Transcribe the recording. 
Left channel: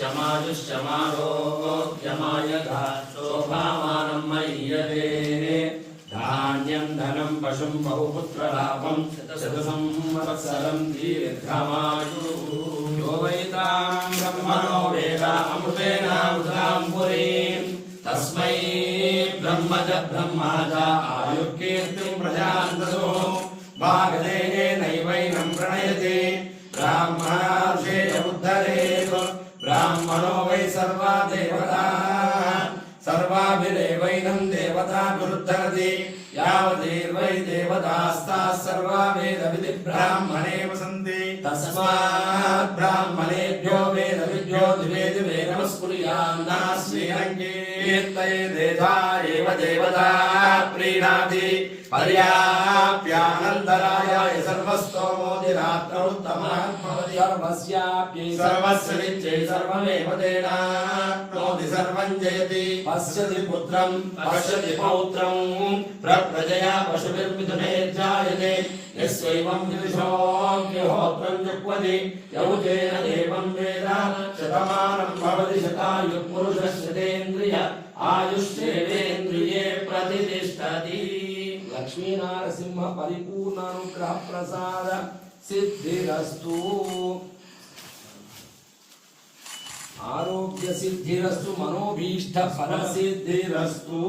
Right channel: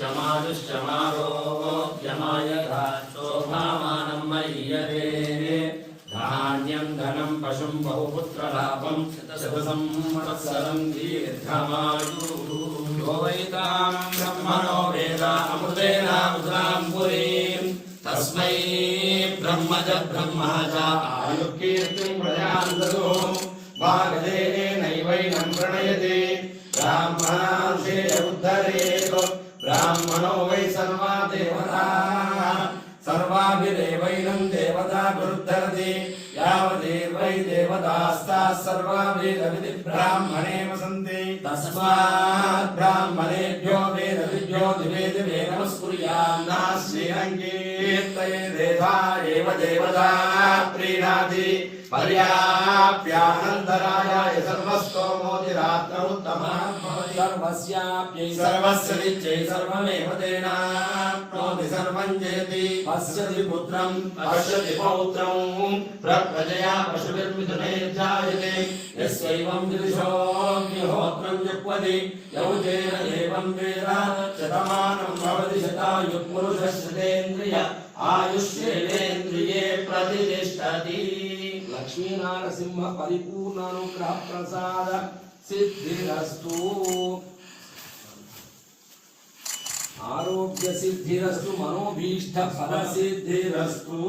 आयुष्यमारोग्यमायथा शोभामानं मय्यते धान्यं धनं पशुं बहुपुत्रलाभं शतसंवत्सरं दीर्घमायुः यो वैतां ब्रह्मणो वेद अमृतेनामृतां पुरीं तस्मै ब्रह्म च ब्रह्मा च आयुर्कीर्तिं प्रजां ददुः भागदेनैवैनं प्रणयति ब्राह्मणार्षेय उद्धरेत् ब्राह्मणो वै सर्वा देवताः सर्वाभिरेवैनं देवताभिरुद्धरति यावदेवै देवतास्ताः सर्वा वेदविधि ब्राह्मणे वसन्ति तस्मात् ब्राह्मणेभ्यो वेदविभ्यो दिवे दिवे नमस्कुर्यान्नास्मीरङ्कीर्तयेदेधा एव देवता प्रीणाति पर्याप्यानन्तरायाय सर्वस्तोमोदिरात्रौ उत्तमः सर्वस्याप्यै सर्वस्य नित्यै सर्वमेव तेनाप्नोति सर्वं जयति पश्यति पुत्रं पश्यति पौत्रं प्रजया पशुभिर्मिथुने जायते यस्वैवं विदुषोऽग्निहोत्रं जुह्वति यौजेन देवं वेद शतमानं भवति शतायुः पुरुषः शतेन्द्रिय आयुष्येवेन्द्रिये प्रतिष्ठति लक्ष्मी नारसिंह परिपूर्ण अनुग्रह प्रसाद सिद्धिरस्तु आरोग्य सिद्धिरस्तु मनोभीष्ट फल सिद्धिरस्तु।